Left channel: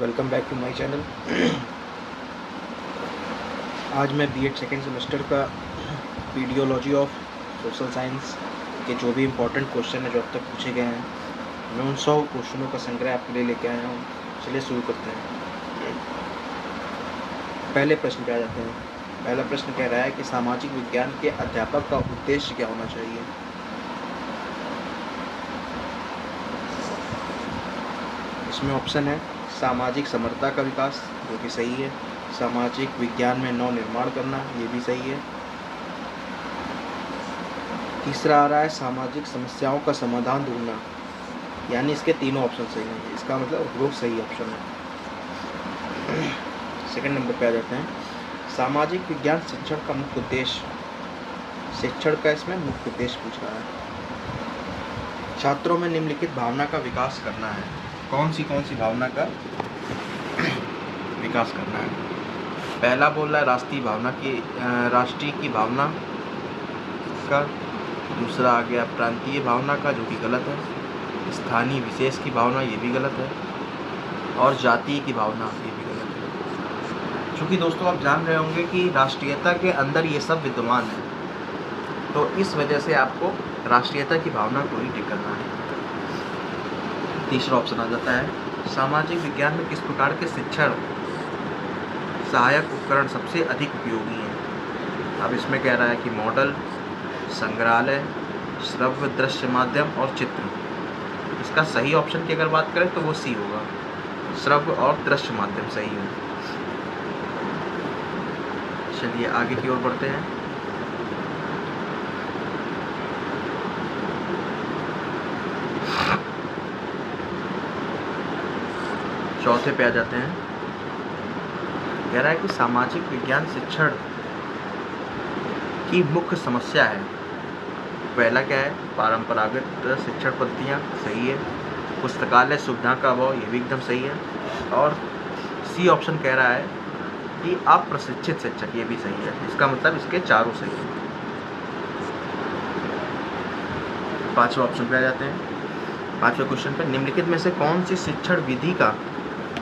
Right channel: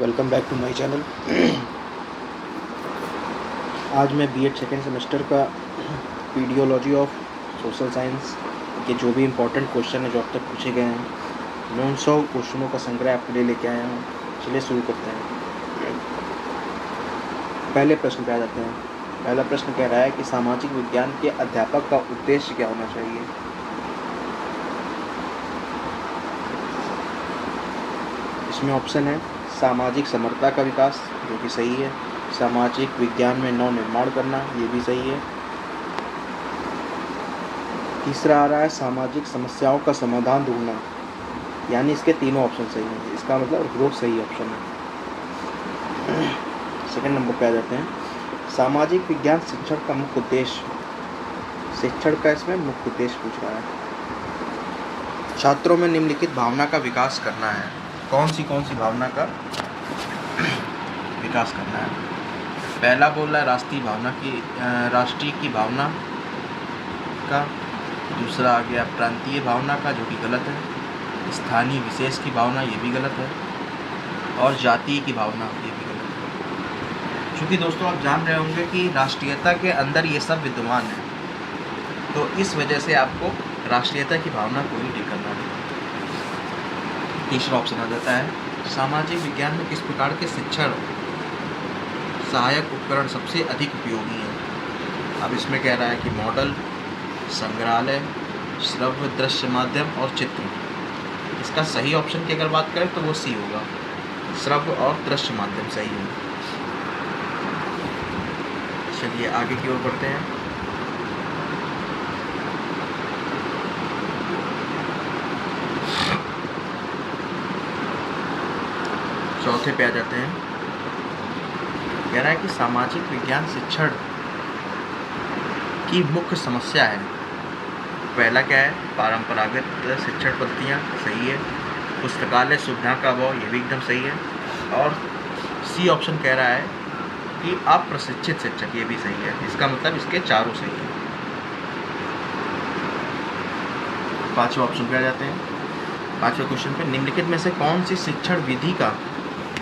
Welcome back to my channel. आज मैं BEd second semester का पीडियोलॉजी ऑफ सोशल साइंस के जो भी इम्पोर्टेंट क्वेश्चन है जो अब तक पूछे गए हैं, मैं उन 100 क्वेश्चनों का संग्रह आपके लिए लेके आया हूँ। चलिए शुरू करते हैं। पहले प्रश्न पे आ जाते हैं। पहला प्रश्न कह रहा है कि सामाजिक विज्ञान के अध्यापक का उद्देश्य क्या होना चाहिए। इसमें ऑप्शन है सामाजिक समरसता का विकास, जो कि सही है। सामाजिक विज्ञान में नव निर्माण करना, ये भी सही है। तीसरा आ रहा है सामाजिक समस्याओं का समाधान ढूंढना, यानी इसके तीनों ऑप्शन सही हैं। इसका मतलब वो सही ऑप्शन है। सेकंड नंबर पे आ जाते हैं। सामाजिक विज्ञान शिक्षण का मुख्य उद्देश्य, शिक्षण का इसमें मुख्य उद्देश्य पूछ रहा है। छात्रों में निम्नलिखित भावना का विकास करना है। कौन सी भावना का विकास करना है। पहला बोल रहा है राष्ट्रीय की भावना का। दूसरा आ गया प्रांतीय भावना का, जो कि गलत है। स्थानीय विशेष की भावना, ये भी गलत है। और जातीय की भावना, ये भी गलत है। चूँकि दोस्तों आप जान रहे होंगे कि राष्ट्रीयता के अंदर ये सब विद्यमान है, तो इस वजह से आपको राष्ट्रीयता की भावना को ही ठीक करना है। तीसरा ऑप्शन आ जाता है सामाजिक विज्ञान में किस प्रकार के शिक्षण सहायक उपकरण सबसे अधिक उपयोगी हैं। अब इसमें कह रहा है कि मॉडल, संग्रहालय, श्रव्य दृश्य माध्यम और चित्र। इसका सही ऑप्शन की अगर बात करें तो वो सी होगा, श्रव्य और दृश्य माध्यम सही है। चलिए आगे की ओर बढ़ते हैं। चौथे पे आ जाते हैं। कह रहा है कि सामाजिक विज्ञान शिक्षण की मुख्य समस्या है। पहला क्या है, परंपरागत शिक्षण पद्धतियाँ, सही है। पुस्तकालय सुविधा का अभाव, ये भी एकदम सही है। और सी ऑप्शन कह रहा है कि अप्रशिक्षित शिक्षक, ये भी सही है। इसका मतलब इसके चारों सही है। पांचवा ऑप्शन पे आ जाते हैं। पांचवें क्वेश्चन पे निम्नलिखित में से कौन सी शिक्षण विधि का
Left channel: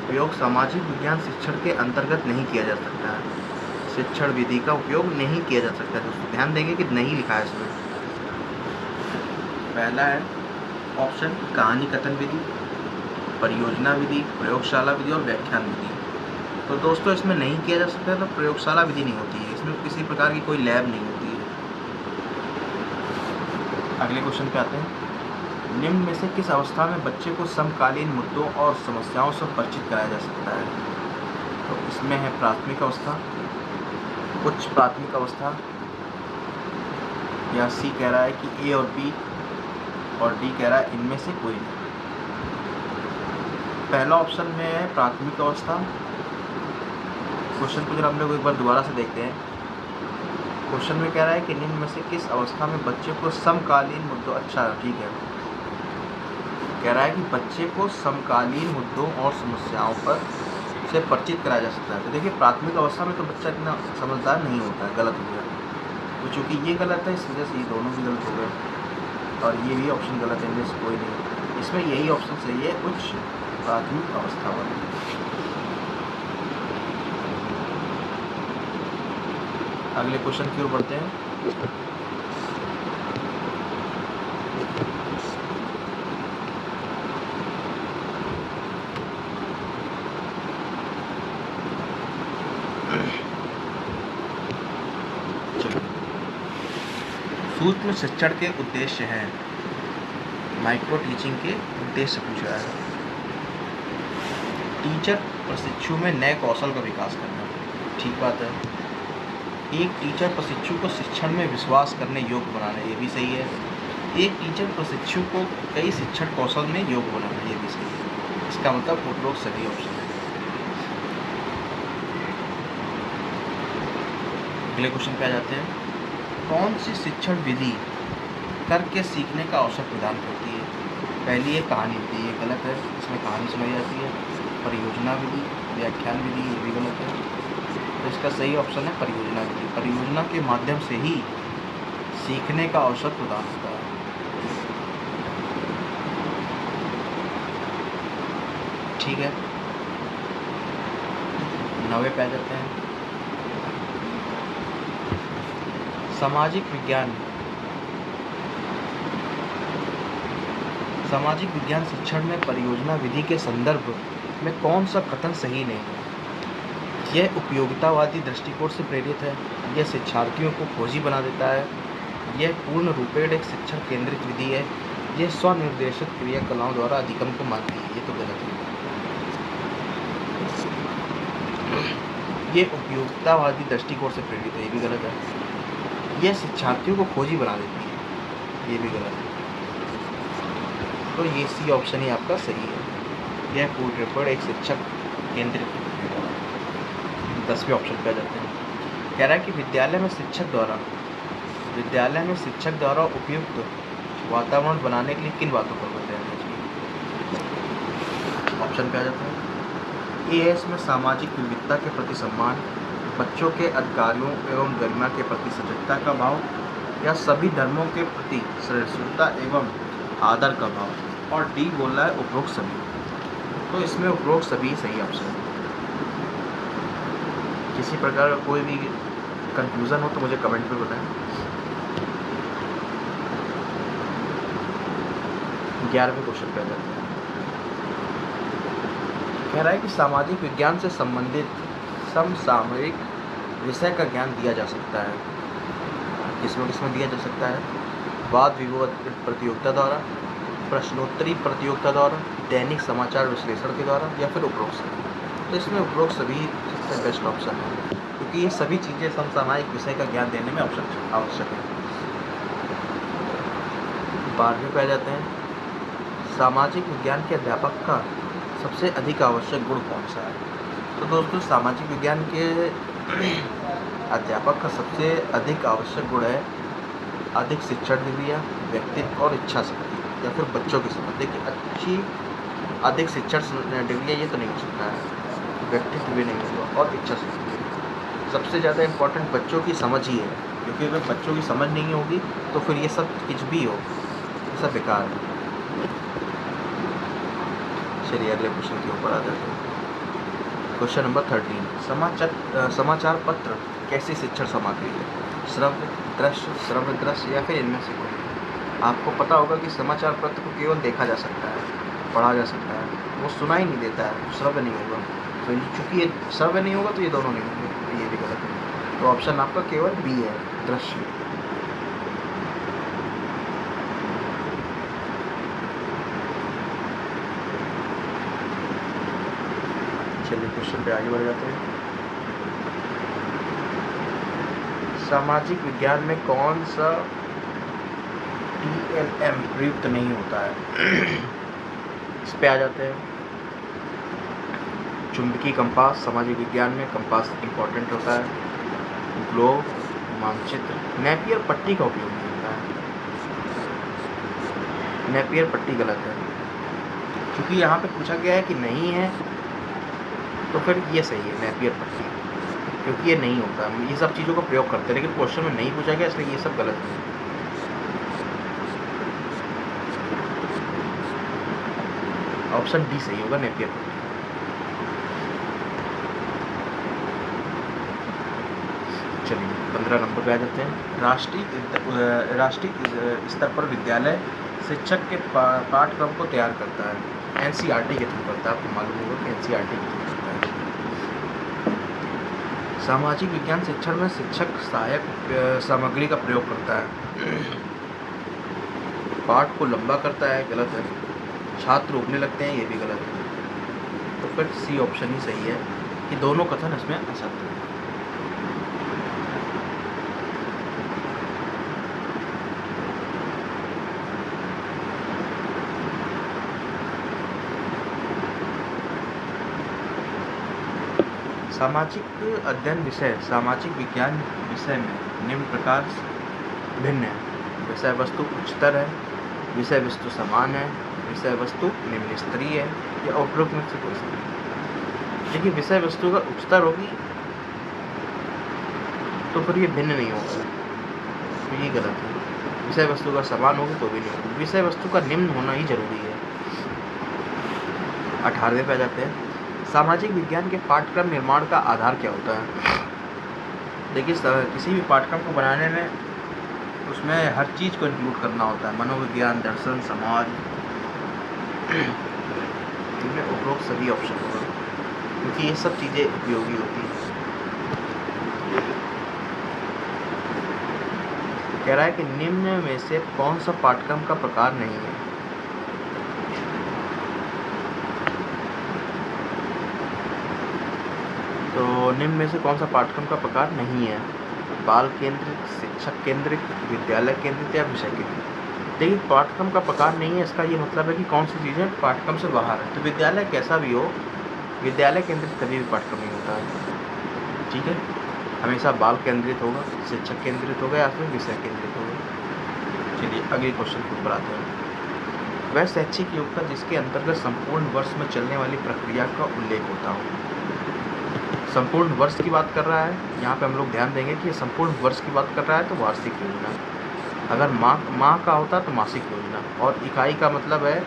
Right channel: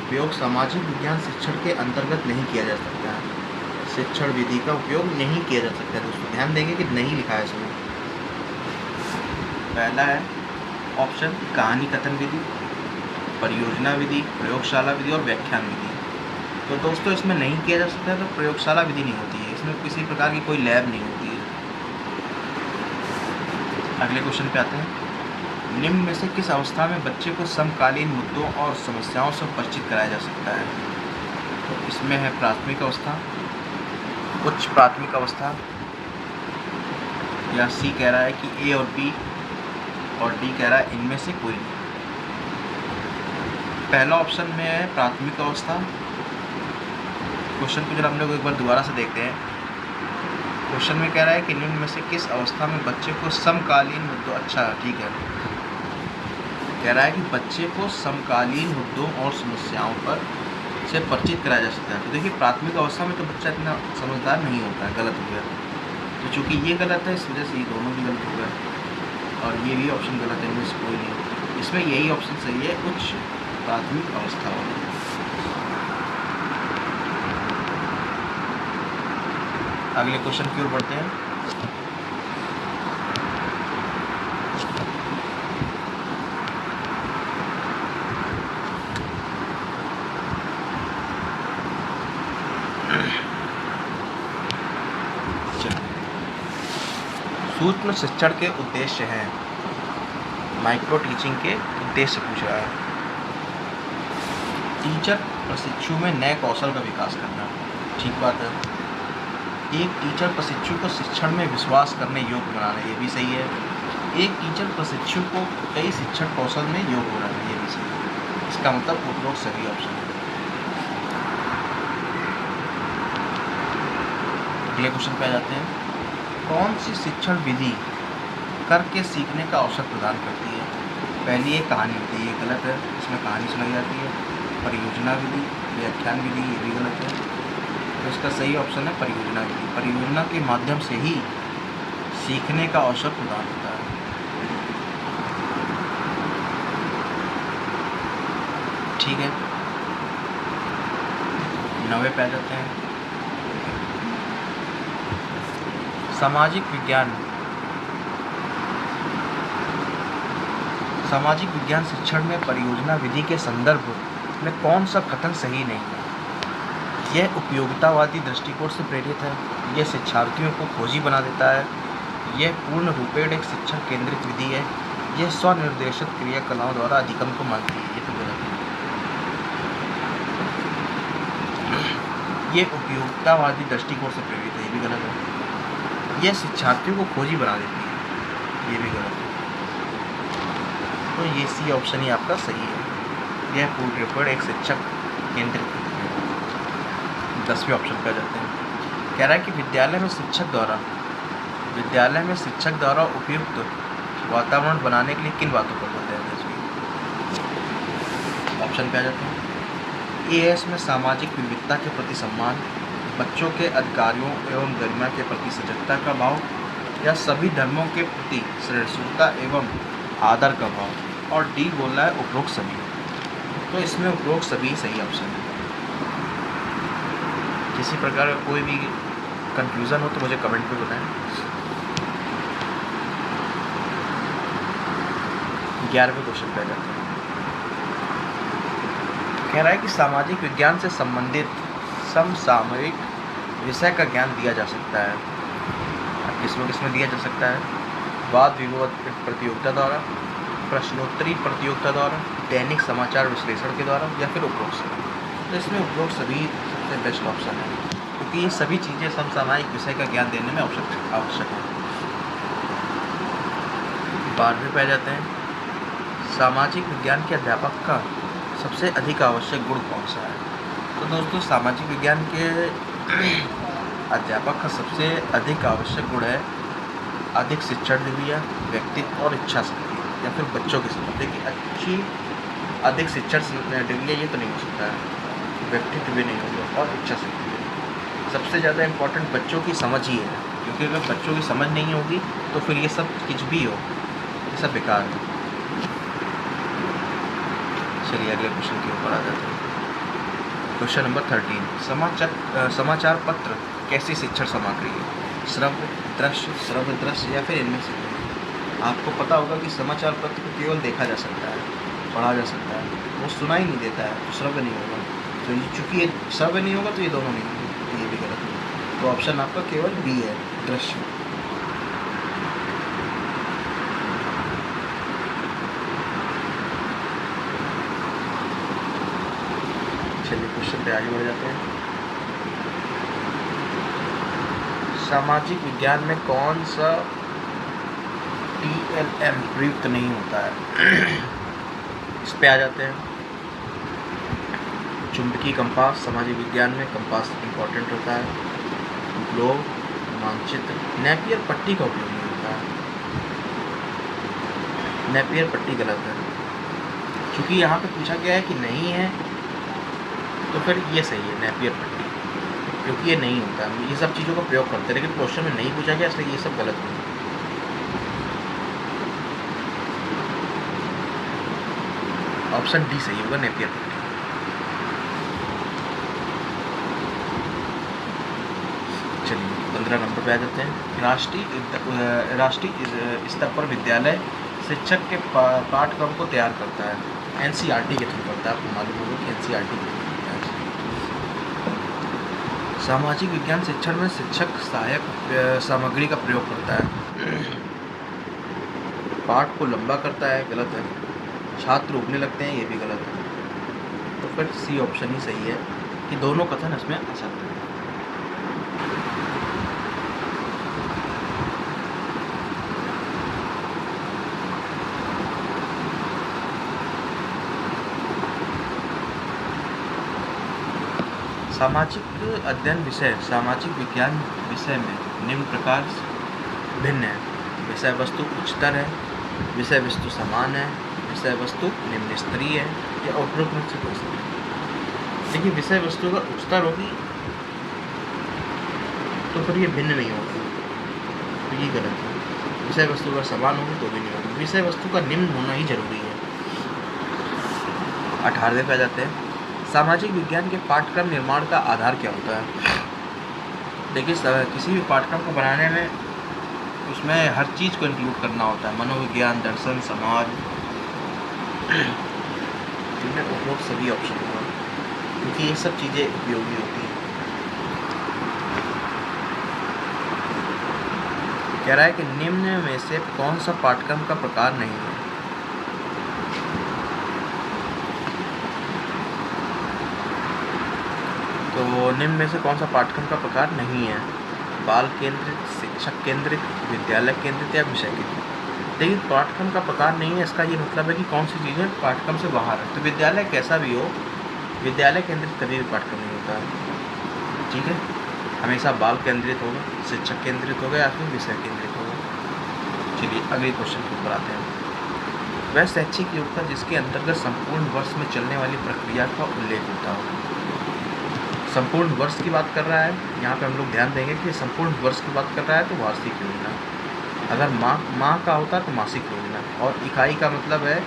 उपयोग सामाजिक विज्ञान शिक्षण के अंतर्गत नहीं किया जा सकता है। शिक्षण विधि का उपयोग नहीं किया जा सकता। दोस्तों ध्यान देंगे कि नहीं लिखा है इसमें। पहला है ऑप्शन कहानी कथन विधि, परियोजना विधि, प्रयोगशाला विधि और व्याख्यान विधि। तो दोस्तों इसमें नहीं किया जा सकता है, तो प्रयोगशाला विधि नहीं होती है। इसमें किसी प्रकार की कोई लैब नहीं होती है। अगले क्वेश्चन पे आते हैं। निम्न में से किस अवस्था में बच्चे को समकालीन मुद्दों और समस्याओं से परिचित कराया जा सकता है। तो इसमें है प्राथमिक अवस्था, उच्च प्राथमिक अवस्था, या सी कह रहा है कि ए और बी, और डी कह रहा है इनमें से कोई नहीं। पहला ऑप्शन में है प्राथमिक अवस्था। क्वेश्चन को जब हम लोग एक बार दोबारा से देखते हैं। क्वेश्चन में कह रहा है कि निम्न में से किस अवस्था में बच्चे को समकालीन मुद्दों, अच्छा ठीक है, कह रहा है कि बच्चे को समकालीन मुद्दों और समस्याओं पर से परिचित कराया जा सकता है। तो देखिए प्राथमिक अवस्था में तो बच्चा इतना समझदार नहीं होता है, गलत हो गया। तो चूँकि ये गलत है, इस वजह से ये दोनों भी गलत हो गए, और ये भी ऑप्शन गलत है, इनमें से कोई नहीं। इसमें यही ऑप्शन सही है, उच्च प्राथमिक अवस्था वाला। अगले क्वेश्चन की ओर बढ़ते हैं। सूक्ष्म शिक्षण के उद्देश्य हैं। माइक्रो टीचिंग के उद्देश्य पूछ रहा है। टीचर प्रशिक्षु में नए कौशल का विकास करना, ठीक बात है। एक टीचर प्रशिक्षु को शिक्षण में विश्वास करने योग्य बनाना, ये भी सही है। एक टीचर प्रशिक्षु को कई शिक्षण कौशल में योग्य बनाना, ये भी सही है। इसका मतलब उपरोक्त सही ऑप्शन है। अगले क्वेश्चन पे आ जाते हैं। कौन सी शिक्षण विधि करके सीखने का अवसर प्रदान करती है। पहली है कहानी विधि, ये गलत है, इसमें कहानी सुनाई जाती है। परियोजना विधि, व्याख्यान विधि, ये भी गलत है। तो इसका सही ऑप्शन है परियोजना विधि। परियोजना के माध्यम से ही सीखने का अवसर प्रदान होता है। ठीक है। 9वें पे आ जाते हैं। सामाजिक विज्ञान शिक्षण में परियोजना विधि के संदर्भ में कौन सा कथन सही नहीं है? यह उपयोगितावादी दृष्टिकोण से प्रेरित है, यह शिक्षार्थियों को खोजी बना देता है, यह पूर्ण रूपेण एक शिक्षण केंद्रित विधि है, यह स्वनिर्देशित क्रियाकलापों द्वारा अधिगम को मानती है। ये तो गलत है। यह उपयोगितावादी दृष्टिकोण से प्रेरित है, ये भी गलत है। यह शिक्षार्थियों को खोजी बना देती है, ये भी गलत है। तो ये सी ऑप्शन ही आपका सही है। यह पूर्ण रूपेण एक शिक्षक केंद्रित। 10वें ऑप्शन पे आ जाते हैं। कह रहा है कि विद्यालय में शिक्षक द्वारा उपयुक्त वातावरण बनाने के लिए किन बातों पर जोर दिया जाना चाहिए? ऑप्शन पे आ जाते हैं। एएस में सामाजिक विविधता के प्रति सम्मान, बच्चों के अधिकारों एवं गरिमा के प्रति सजगता का भाव, या सभी धर्मों के प्रति सहिष्णुता एवं आदर का भाव। और डी बोल रहा है उपरोक्त सभी। तो इसमें उपरोक्त सभी सही ऑप्शन है। किसी प्रकार का कोई भी कंफ्यूजन हो तो मुझे कमेंट में बताएं। 11वें क्वेश्चन पे जाते हैं। कह रहा है कि सामाजिक विज्ञान से संबंधित समसामयिक विषय का ज्ञान दिया जा सकता है। किसमें दिया जा सकता है? वाद विवाद प्रतियोगिता द्वारा, प्रश्नोत्तरी प्रतियोगिता द्वारा, दैनिक समाचार विश्लेषण के द्वारा, या फिर उपरोक्त सभी। तो इसमें उपरोक्त सभी सबसे बेस्ट ऑप्शन है, क्योंकि ये सभी चीज़ें समसामयिक विषय का ज्ञान देने में आवश्यक है। 12वें पे आ जाते हैं। सामाजिक विज्ञान के अध्यापक का सबसे अधिक आवश्यक गुण कौन सा है? तो दोस्तों, सामाजिक विज्ञान के अध्यापक का सबसे अधिक आवश्यक गुण है अधिक शिक्षण डिग्री, व्यक्तित्व और इच्छा शक्ति, या फिर बच्चों की समझ। देखिए, अधिक शिक्षण डिग्री ये तो नहीं हो सकता है, व्यक्तित्व भी नहीं होगा, और इच्छा शक्ति। सबसे ज़्यादा इम्पोर्टेंट बच्चों की समझ ही है, क्योंकि अगर बच्चों की समझ नहीं होगी तो फिर ये सब कुछ भी हो, ये सब बेकार है। चलिए अगले क्वेश्चन के ऊपर आ जाते हैं। Question number 13। समाचार पत्र कैसी शिक्षण सामग्री है? श्रव्य दृश्य या फिर इनमें से कोई? आपको पता होगा कि समाचार पत्र को केवल देखा जा सकता है, पढ़ा जा सकता है, वो सुना ही नहीं देता है, तो श्रव्य नहीं होगा। तो चूँकि ये श्रव्य नहीं होगा तो ये दोनों नहीं होंगे, तो ये भी गलत है। तो ऑप्शन आपका केवल बी है, दृश्य। चलिए क्वेश्चन पे आगे बढ़ जाते हैं। सामाजिक विज्ञान में कौन सा TLM प्रयुक्त नहीं होता है? इस पे आ जाते हैं। चुंबकीय कंपास, सामाजिक विज्ञान में कंपास इम्पोर्टेंट होता है। ग्लोब, मानचित्र, नेपियर पट्टी का उपयोग नहीं होता है। नेपियर पट्टी गलत है, क्योंकि यहाँ पे पूछा गया है कि नहीं है, तो फिर ये सही है नेपियर पट्टी, क्योंकि ये नहीं होता। ये सब चीज़ों का प्रयोग करते हैं, लेकिन क्वेश्चन में नहीं पूछा गया, इसलिए ये सब गलत है। ऑप्शन डी सही होगा, नेपियर पट्टी। चलिए 15 नंबर पे आ जाते हैं। राष्ट्रीय स्तर पर विद्यालय शिक्षक के पाठ्यक्रम को तैयार करता है। NCERT के थ्रू करता है, आपको मालूम होगा कि NCERT के थ्रू करता है। सामाजिक विज्ञान शिक्षण में शिक्षक सहायक सामग्री का प्रयोग करता है। पाठ को लंबा करता है, गलत है। छात्र उगने लगते हैं, ये भी गलत है। तो फिर सी ऑप्शन ही सही है कि दोनों कथन उसमें असत्य है। सामाजिक अध्ययन विषय सामाजिक विज्ञान विषय में निम्न प्रकार भिन्न है। विषय वस्तु उच्चतर है, विषय वस्तु समान है, विषय वस्तु निम्न स्तरीय है, या उपरोक्त में से कोई सा नहीं। देखिए, विषय वस्तु अगर उच्चतर होगी तो फिर ये भिन्न नहीं होगा, तो ये गलत है। विषय वस्तु अगर समान होगी तो भी नहीं होगी, विषय वस्तु का निम्न होना ही जरूरी है। 18वें पे आ जाते हैं। सामाजिक विज्ञान के पाठ्यक्रम निर्माण का आधार क्या होता है? देखिए, किसी भी पाठ्यक्रम को बनाने में उसमें हर चीज़ को इंक्लूड करना होता है, मनोविज्ञान, दर्शन, समाज, इनमें उपरोक्त सभी ऑप्शन होगा, क्योंकि ये सब चीज़ें उपयोगी होती हैं। कह रहा है कि निम्न में से कौन सा पाठ्यक्रम का प्रकार नहीं है? तो निम्न में से कौन सा पाठ्यक्रम का प्रकार नहीं है? बाल केंद्रित, शिक्षक केंद्रित, विद्यालय केंद्रित या विषय केंद्रित। देखिए, पाठ्यक्रम का प्रकार नहीं है, इसका ये मतलब है कि कौन सी चीज़ें पाठ्यक्रम से बाहर है। तो विद्यालय कैसा भी हो, विद्यालय केंद्रित कभी भी पाठ्यक्रम नहीं होता है, ठीक है। हमेशा बाल केंद्रित होगा, शिक्षक केंद्रित होगा या फिर विषय केंद्रित होगा। चलिए अगले क्वेश्चन के ऊपर आते हैं। वह शैक्षिक योग का जिसके अंतर्गत संपूर्ण वर्ष में चलने वाली प्रक्रिया का उल्लेख होता हो। संपूर्ण वर्ष की बात कर रहा है, यहाँ पे हम लोग ध्यान देंगे कि संपूर्ण वर्ष की बात कर रहा है तो वार्षिक योजना, अगर माह का होता तो मासिक योजना, और इकाई का मतलब है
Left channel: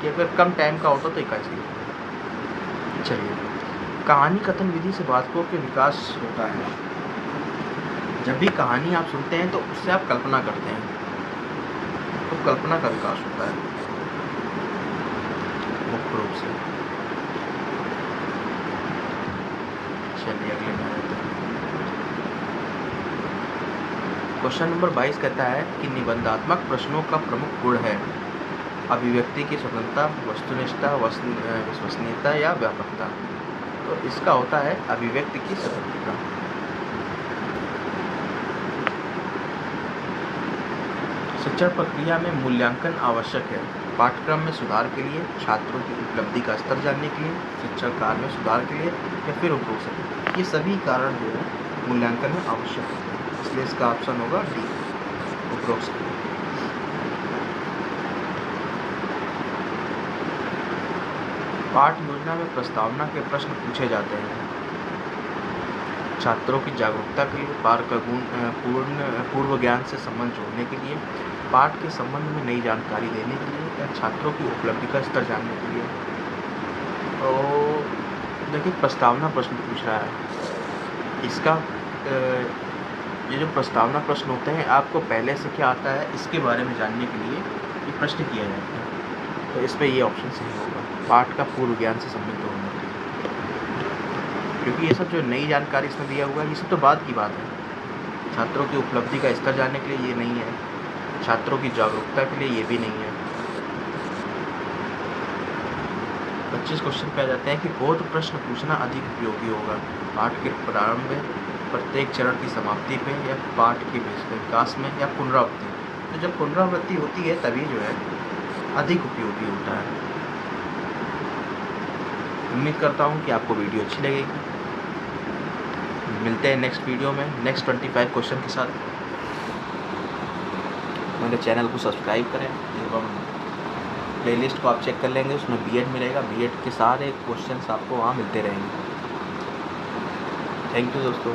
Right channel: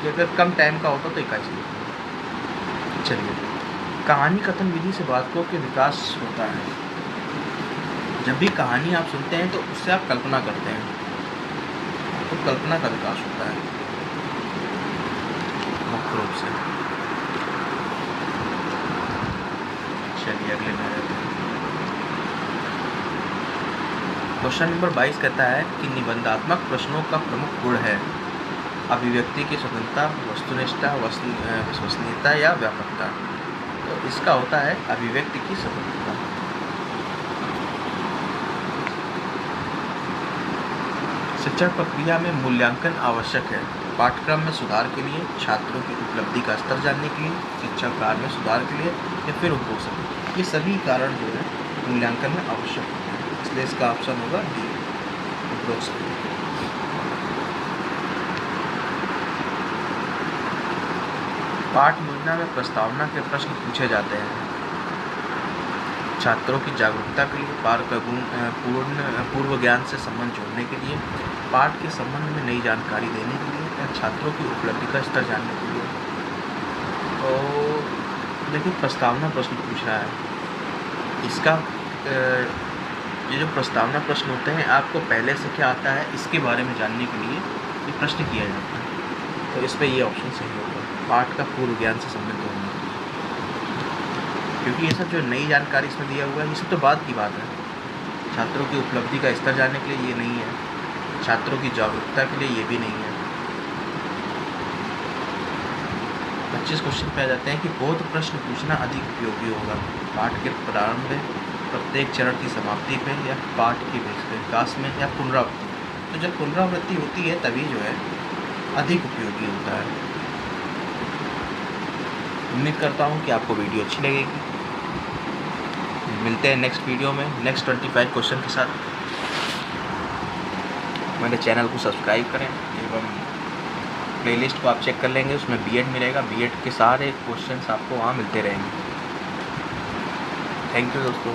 कि अगर कम टाइम का होता तो इकाई से योजना। चलिए, कहानी कथन विधि से वाक्यों के विकास होता है। जब भी कहानी आप सुनते हैं तो उससे आप कल्पना करते हैं, तो कल्पना का विकास होता है मुख्य रूप से। चलिए अगले में आते हैं। क्वेश्चन नंबर 22 कहता है कि निबंधात्मक प्रश्नों का प्रमुख गुण है अभिव्यक्ति की स्वतंत्रता, वस्तुनिष्ठता, विश्वसनीयता या व्यापकता। तो इसका होता है अभिव्यक्ति की स्वतंत्रता। शिक्षण प्रक्रिया में मूल्यांकन आवश्यक है। पाठ्यक्रम में सुधार के लिए, छात्रों की उपलब्धि का स्तर जानने के लिए, शिक्षण कार्य में सुधार के लिए या फिर उपरोक्त, ये सभी कारण जो है मूल्यांकन में आवश्यक होते हैं, इसलिए इसका ऑप्शन होगा बी, उपरोक्त। पाठ योजना में प्रस्तावना के प्रश्न पूछे जाते हैं छात्रों की जागरूकता के लिए, पाठ का पूर्व ज्ञान से संबंध जोड़ने के लिए, पाठ के संबंध में नई जानकारी देने के लिए या छात्रों की उपलब्धि का स्तर जानने के लिए। तो देखिए, प्रस्तावना प्रश्न पूछ रहा है, इसका ये जो प्रस्तावना प्रश्न होते हैं, आपको पहले से क्या आता है इसके बारे में जानने के लिए ये प्रश्न किया जाता है। तो इस पर ये ऑप्शन सही होगा, पाठ का पूर्व ज्ञान से संबंध होना, क्योंकि ये सब जो नई जानकारी इसमें दिया हुआ है ये सब तो बाद की बात है। छात्रों की उपलब्धि का स्तर जानने के लिए ये नहीं है, छात्रों की जागरूकता के लिए ये भी नहीं है। 25 क्वेश्चन पे आ जाते हैं कि बोध प्रश्न पूछना अधिक उपयोगी होगा पाठ के प्रारंभ में, प्रत्येक चरण की समाप्ति पे, या पाठ के विकास में, या पुनरावृत्ति। तो जब पुनरावृत्ति होती है तभी जो है अधिक उपयोगी होता है। उम्मीद करता हूँ कि आपको वीडियो अच्छी लगेगी। मिलते हैं नेक्स्ट वीडियो में नेक्स्ट 25 क्वेश्चन के साथ। मेरे चैनल को सब्सक्राइब करें एवं प्लेलिस्ट को आप चेक कर लेंगे, उसमें बीएड मिलेगा, बीएड के सारे क्वेश्चंस आपको वहाँ मिलते रहेंगे। थैंक यू दोस्तों।